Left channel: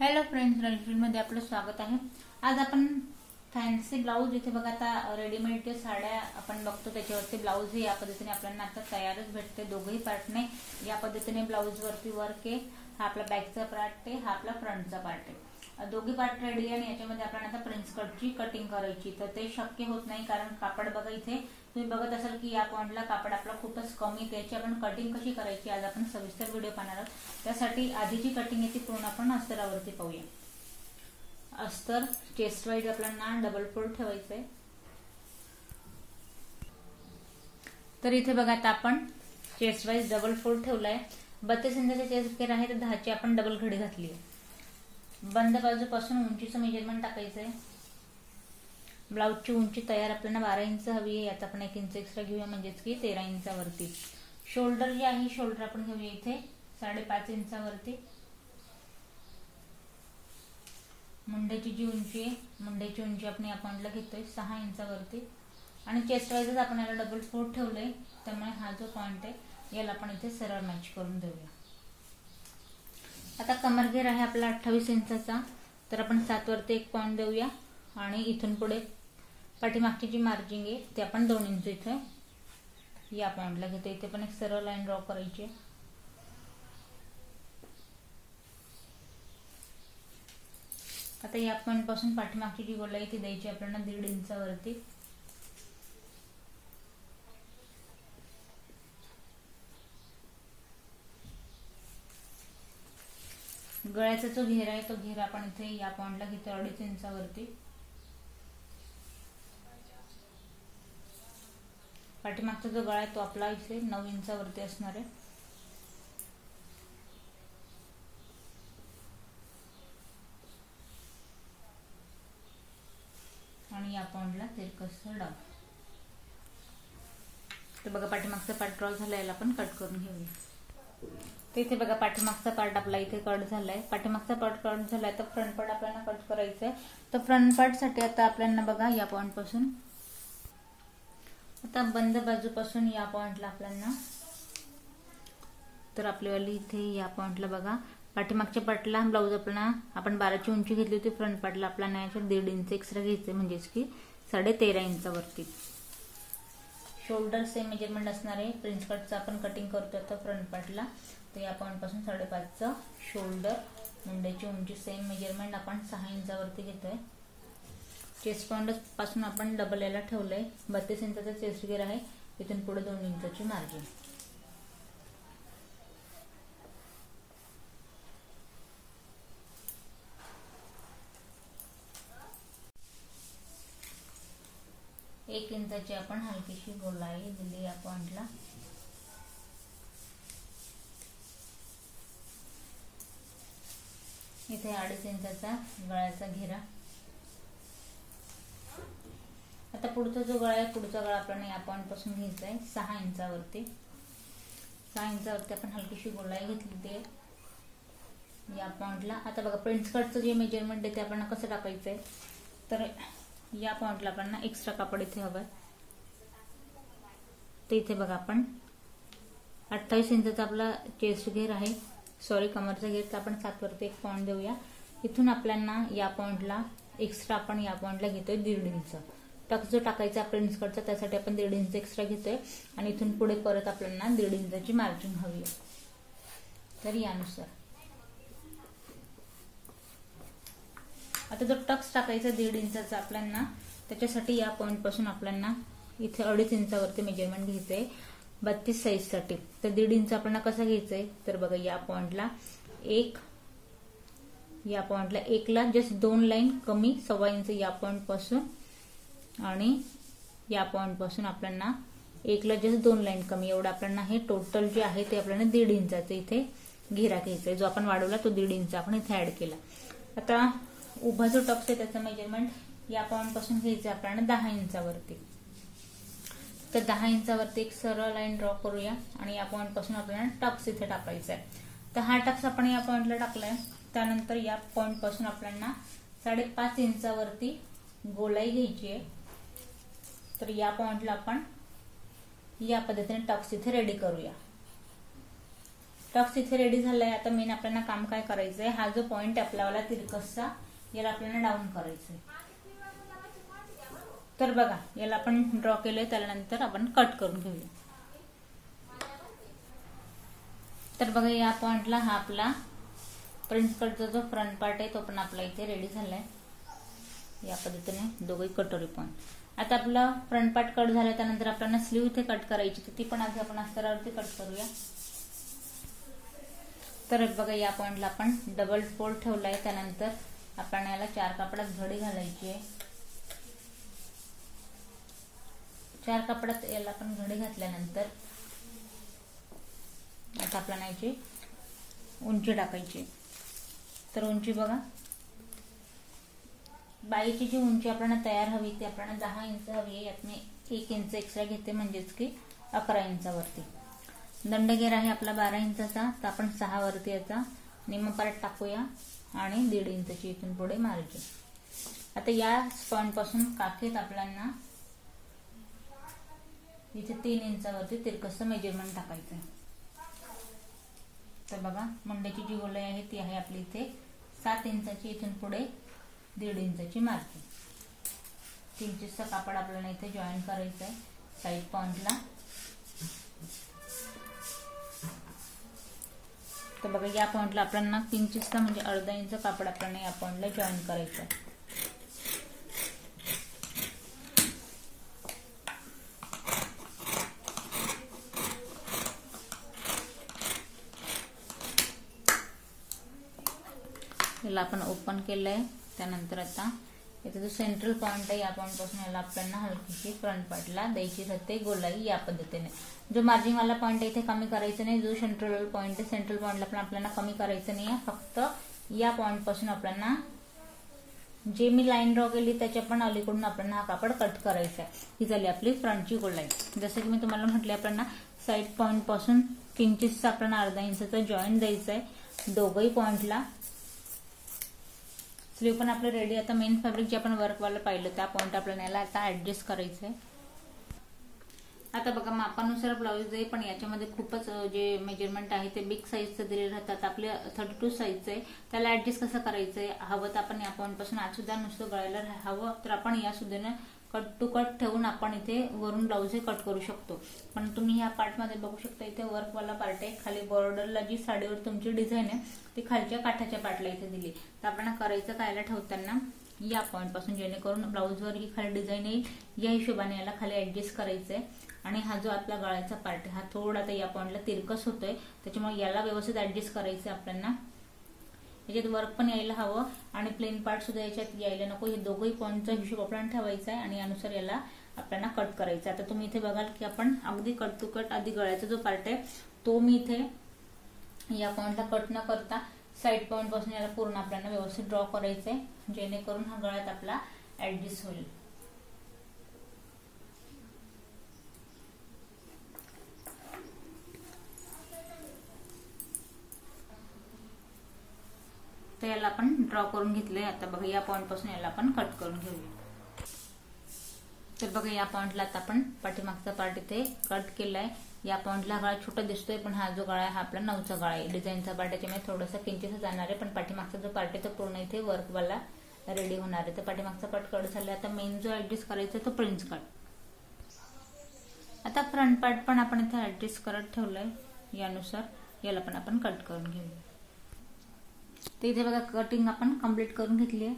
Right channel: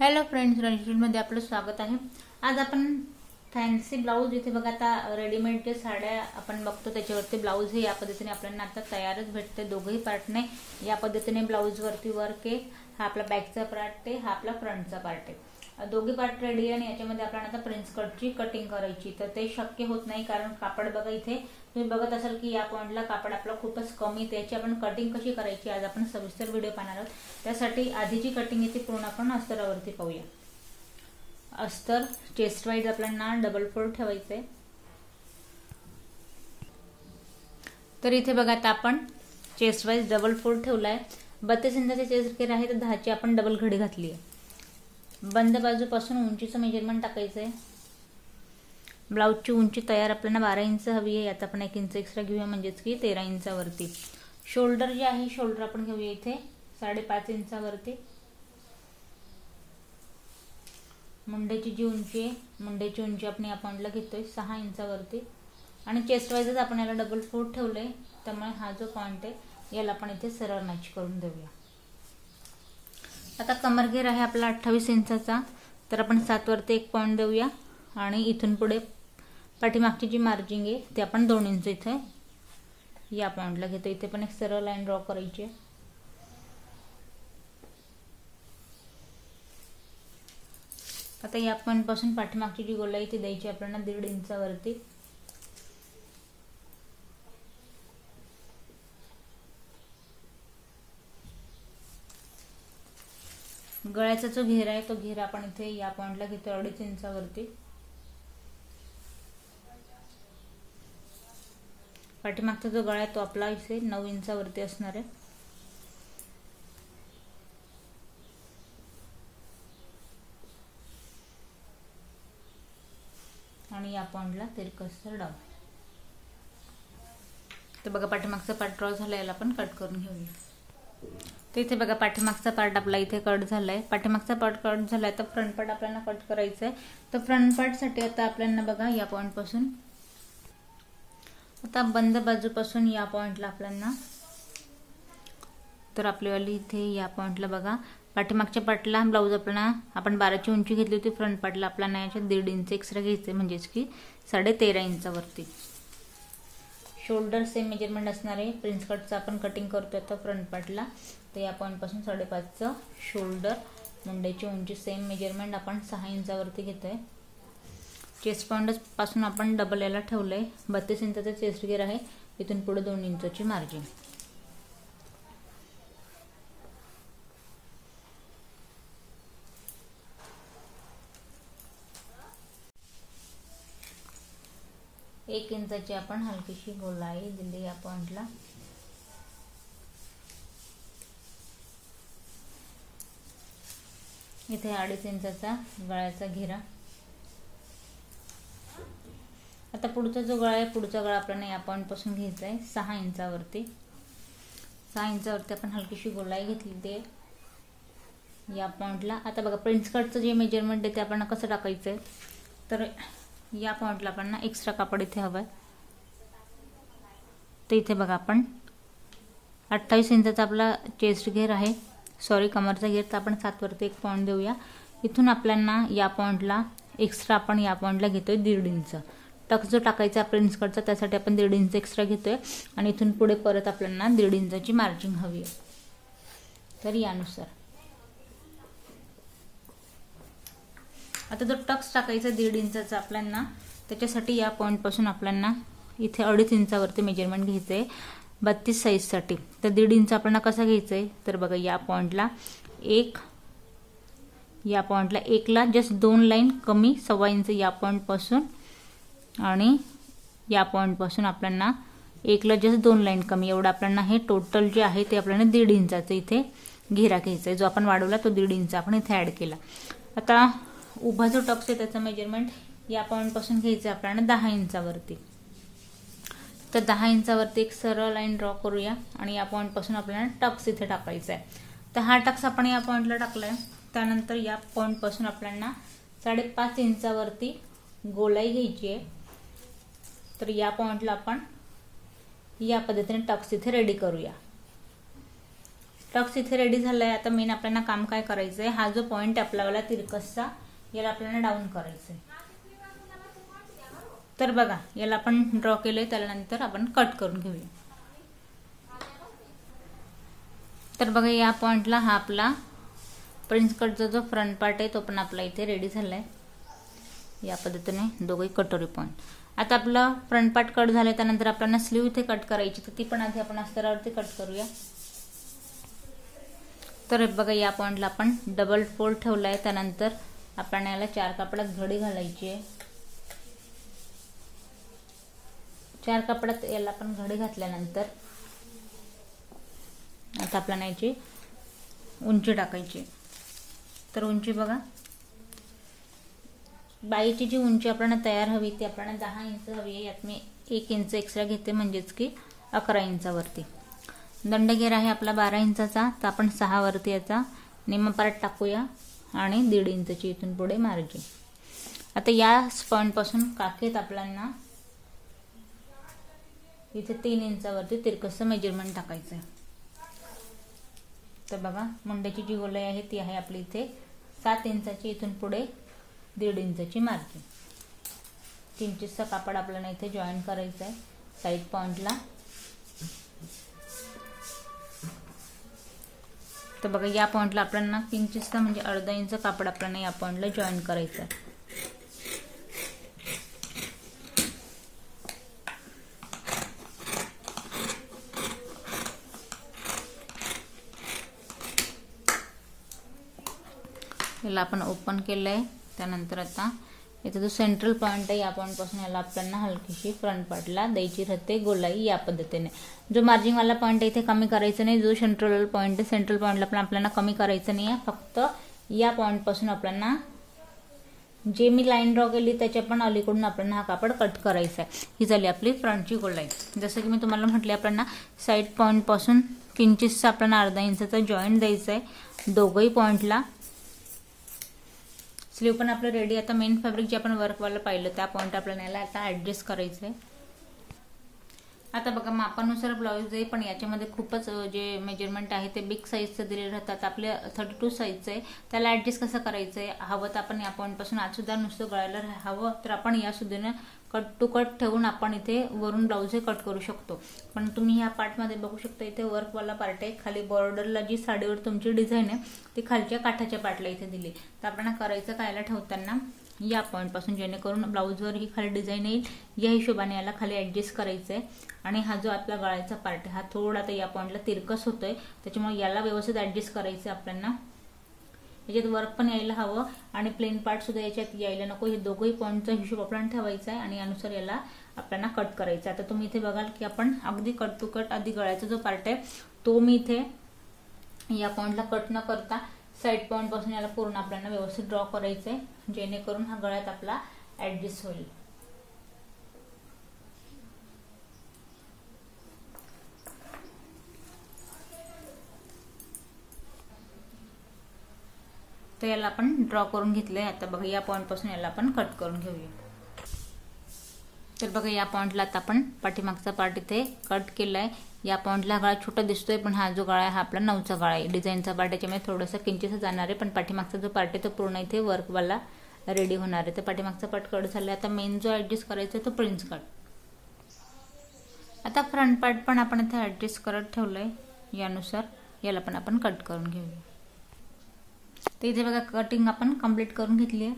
Hello friends, रणजीतमध्ये आपलं स्वागत आहे। आज आपण फॅन्सी ब्लाउज इथे बघा, आता रेडीमेड जे साड्या आपण बघतो त्याच्यावरती ब्लाउज हे या पद्धतीने आपल्याला आता तयारच भेटते। दोघही पार्टने या पद्धतीने ब्लाउज वरती वर्क आहे। हा आपला बॅकचा पार्ट आहे, हा आपला फ्रंटचा पार्ट आहे। दोघी पार्ट रेडी आहे आणि याच्यामध्ये आपल्याला आता प्रिन्स कटची कटिंग करायची, तर ते शक्य होत नाही कारण कापड बघा इथे तुम्ही बघत असाल की या पॉइंटला कापड आपला खूपच कमी, त्याची आपण कटिंग कशी करायची आज आपण सविस्तर व्हिडिओ पाहणार आहोत। त्यासाठी आधीची कटिंग येते पूर्ण आपण अस्तरावरती पाहूया। अस्तर चेस्ट वाईज आपल्याला डबल फोल्ड ठेवायचंय। तर इथे बघा आता आपण चेस्ट वाईज डबल फोल्ड ठेवलाय। 32 इंचाचे चेस्ट घेर आहे, तर 10ची आपण डबल घडी घातली आहे। बंद बाजूपासून उंचीचं मेजरमेंट टाकायचंय। ब्लाउजची उंची तयार आपल्याला 12 इंच हवी आहे, यात आपण 1 इंच एक्स्ट्रा घेऊया म्हणजेच की 13 इंचावरती। शोल्डर जे आहे शोल्डर आपण घेऊया इथे 5.5 इंचावरती। मुंड्याची जी उंची आहे मुंड्याची उंची आपण या पॉइंटला घेतोय 6 इंचावरती आणि चेस्ट वाईजच आपण याला डबल फोल्ड ठेवलंय, त्यामुळे हा जो पॉइंट आहे याला आपण इथे सरळ मॅच करून देऊया। आता कमर घेर आहे आपला 28 इंचाचा, तर आपण 7 वरती 1 पॉइंट देऊया आणि इथून पुढे पाठीमागची जी मार्जिंग आहे ते आपण 2 इंच इथे या पॉइंटला घेतो। इथे पण एक सरळ लाईन ड्रॉ करायची आहे। आता या पॉइंट पासून पाठीमागची जी गोलाई ती द्यायची आपल्याला 1.5 इंचावरती। गळ्याचा जो घेर आहे तो घेर आपण इथे या पॉइंटला घेतो 2.5 इंचावरती। पाठीमागचा जो गळा आहे तो आपला इथे 9 इंचावरती असणार आहे। आणि या पॉइंटला तिरकसर डाऊन। तर बघा पाठीमागचा पार्ट ड्रॉ झाला, याला आपण कट करून घेऊया। तर इथे बघा पाठीमागचा पार्ट आपला इथे कट झालाय। पाठीमागचा पार्ट कट झालाय तर फ्रंट पार्ट आपल्याला कट करायचा आहे। तर फ्रंट पार्ट साठी आता आपल्याला बघा या पॉइंट पासून आता बंद बाजूपासून या पॉइंटला आपल्याला, तर आपल्यावाली इथे या पॉइंटला बघा पाठीमागच्या पार्टला ब्लाउज आपल्याला आपण 12ची उंची घेतली होती, फ्रंट पार्टला आपल्याला याच्यात 1.5 इंच एक्स्ट्रा घ्यायचे म्हणजेच की 13.5 इंचावरती। शोल्डर सेम मेजरमेंट असणार आहे। प्रिन्स कटचं आपण कटिंग करतोय आता फ्रंट पार्टला, तर या पॉइंट पासून 5.5चं शोल्डर, मुंड्याची उंची सेम मेजरमेंट आपण 6 इंचावरती घेतोय। चेस्ट पॉइंट पासून आपण डबल याला ठेवलंय। 32 इंचाचा चेस्ट घेर आहे, इथून पुढे 2 इंचाची मार्जिन। एक इंचाची आपण हलकीशी गोलाई दिली या पॉइंटला। इथे 2.5 इंचाचा गळ्याचा घेरा। आता पुढचा जो गळा आहे पुढचा गळा आपल्याला या पॉइंट पासून घ्यायचा आहे 6 इंचावरती। 6 इंचावरती आपण हलकीशी गोलाई घेतली ते या पॉइंटला। आता बघा प्रिन्स कटचं जे मेजरमेंट आहे ते आपण कसं टाकायचंय, तर या पॉइंटला आपण एक्स्ट्रा कापड इथे हवंय। तर इथे बघा आपण 28 इंचाचा आपला चेस्ट घेर आहे, सॉरी कमरचा घेर, तर आपण 7 वरती 1 पॉइंट देऊया। इथून आपल्याला या पॉइंटला एक्स्ट्रा आपण या पॉइंटला घेतोय 1.5 इंच। टक जो टाकायचा प्रिन्स कटचा त्यासाठी आपण 1.5 इंच एक्स्ट्रा घेतोय आणि इथून पुढे परत आपल्याला 1.5 इंचाची मार्जिन हवी आहे। तर यानुसार आता जर टक्स टाकायचा 1.5 इंचाचा आपल्याला, त्याच्यासाठी या पॉइंट पासून आपल्याला इथे 2.5 इंचावरती मेजरमेंट घ्यायचंय 32 साईज साठी। तर 1.5 इंच आपल्याला कसं घ्यायचंय, तर बघा या पॉइंटला 1, या पॉइंटला 1 ला जस्ट 2 लाईन कमी 1.25 इंच या पॉइंट पासून, आणि या पॉइंट पासून आपल्याला 1 ला जस्ट 2 लाईन कमी, एवढं आपल्याला हे टोटल जे आहे ते आपल्याला 1.5 इंचाचं इथे घेरा घ्यायचा आहे। जो आपण वाढवला तो 1.5 इंच आपण इथे ऍड केला। आता उभा जो टक्स आहे त्याचा मेजरमेंट या पॉइंट पासून घ्यायचं आपल्याला 10 इंचावरती। तर 10 इंचावरती एक सरळ लाईन ड्रॉ करूया आणि या पॉइंट पासून आपल्याला टक्स इथे टाकायचा आहे। तर हा टक्स आपण या पॉइंटला टाकलाय, त्यानंतर या पॉइंट पासून आपल्याला 5.5 इंचावरती गोलाई घ्यायची आहे। तर या पॉइंटला आपण या पद्धतीने टक्स इथे रेडी करूया। टक्स इथे रेडी झालाय. आता मेन आपल्याला काम काय करायचंय, हा जो पॉइंट आपल्याला तिरकसचा याला आपल्याला डाऊन करायचंय. तर बघा याला आपण ड्रॉ केलंय, त्यानंतर आपण कट करून घेऊया. तर बघा या पॉइंटला हा आपला प्रिन्स कटचा जो फ्रंट पार्ट आहे तो पण आपला इथे रेडी झालाय. या पद्धतीने दोघे कटोरी पॉइंट. आता आपला फ्रंट पार्ट कट झालाय, त्यानंतर आपल्याला स्लीव इथे कट करायची, तर ती पण आधी आपण अस्तरावरती कट करूया. तर बघा या पॉइंटला आपण डबल फोल्ड ठेवलाय. त्यानंतर आपल्याला याला 4 कापडात घडी घालायची आहे. 4 कापडात याला आपण घडी घातल्यानंतर आता आपल्याला याची उंची टाकायची. तर उंची बघा, बाईची जी उंची आपल्याला तयार हवी ती आपल्याला 10 इंच हवी आहे. यात मी 1 इंच एक्स्ट्रा घेते, म्हणजेच की 11 इंचावरती. दंडगेर आहे आपला 12 इंचाचा, तर आपण 6 वरती याचा निम्मा पार्ट टाकूया आणि 1.5 इंचची इथून पुढे मार्जिन. आता या पॉइंट पासून काखेत आपल्याला इथे 3 इंचावरती तिरकस मेजरमेंट टाकायचं आहे. तर बघा मुंड्याची जी गोलाई आहे ती आहे आपली इथे 7 इंचाची, इथून पुढे 1.5 इंचाची मार्जिन. 3 इंचचा कापड आपल्याला इथे जॉईन करायचं आहे साइड पॉइंटला. तर बघा या पॉइंटला आपल्याला 3 इंचचा म्हणजे अर्धा इंच कापड आपल्याला या पॉइंटला जॉईन करायचं आहे. याला आपण ओपन केलंय. त्यानंतर आता इथे जो सेंट्रल पॉइंट आहे या पॉइंट पासून याला आपल्याला हलकीशी फ्रंट पार्टला द्यायची राहते गोलाई या पद्धतीने. जो मार्जिन वाला पॉइंट आहे इथे कमी करायचं नाही. जो सेंट्रल पॉइंट आहे सेंट्रल पॉइंटला पण आपल्याला कमी करायचं नाहीये. फक्त या पॉइंट पासून आपल्याला जे मी लाईन ड्रॉ केली त्याच्या पण अलीकडून आपल्याला हा कापड कट करायचा आहे. ही झाली आपली फ्रंटची गोलाई. जसं की मी तुम्हाला म्हटले आपल्याला साइड पॉइंट पासून 3 इंचचा आपल्याला अर्धा इंचाचा जॉईंट द्यायचा आहे दोघही पॉइंटला. स्लीव पण आपलं रेडी. आता मेन फॅब्रिक जे आपण वर्कवाला पाहिलं त्या पॉइंट आपल्याला याला आता ऍडजस्ट करायचं आहे. आता बघा मापानुसार ब्लाऊज आहे, पण याच्यामध्ये खूपच जे मेजरमेंट आहे ते बिग साईजचे दिले राहतात. आपले 32 साईजचं आहे. त्याला ऍडजस्ट कसं करायचंय, हवं तर आपण या पॉइंट पासून आज सुद्धा नुसतं गळायला हवं तर आपण या सुद्धीने कट टू कट ठेवून आपण इथे वरून ब्लाऊज हे कट करू शकतो. पण तुम्ही या पार्ट मध्ये बघू शकता इथे वर्कवाला पार्ट आहे. खाली बॉर्डरला जी साडीवर तुमची डिझाईन आहे ती खालच्या काठाच्या पार्टला इथे दिली. तर आपल्याला करायचं कायला ठेवताना या पॉइंट पासून जेणेकरून ब्लाऊजवर ही खाली डिझाईन येईल या हिशोबाने याला खाली ऍडजस्ट करायचंय. आणि हा जो आपला गळ्याचा पार्ट आहे हा थोडा आता या पॉइंटला तिरकस होतोय, त्याच्यामुळे याला व्यवस्थित ऍडजस्ट करायचं आपल्याला. याच्यात वर्क पण यायला हवं आणि प्लेन पार्ट सुद्धा याच्यात यायला नको. हे दोघही पॉइंटचा हिशोब आपल्याला ठेवायचा आहे आणि यानुसार याला आपल्याला कट करायचं. आता तुम्ही इथे बघाल की आपण अगदी कट टू कट आधी गळ्याचा जो पार्ट आहे तो मी इथे या पॉइंटला कट न करता साइड पॉइंट पासून याला पूर्ण आपल्याला व्यवस्थित ड्रॉ करायचंय, जेणेकरून हा गळ्यात आपला ऍडजस्ट होईल. तर याला आपण ड्रॉ करून घेतलंय. आता बघा या पॉइंट पासून याला आपण कट करून घेऊया. तर बघा या पॉइंटला आता आपण पाठीमागचा पार्ट इथे कट केलाय. या पॉइंटला गळा छोटा दिसतोय, पण हा जो गळा आहे हा आपला 9चा गळा आहे. डिझाईनचा पार्ट याच्यामध्ये थोडंसं किंचित जाणार आहे, पण पाठीमागचा जो पार्ट आहे तो पूर्ण इथे वर्कवाला रेडी होणार आहे. तर पाठीमागचा पार्ट कट झालाय. आता मेन जो ऍडजस्ट करायचा तो प्रिन्स कट. आता फ्रंट पार्ट पण आपण इथे ऍडजस्ट करत ठेवलाय. यानुसार याला पण आपण कट करून घेऊया. तर इथे बघा कटिंग आपण कम्प्लीट करून घेतली आहे.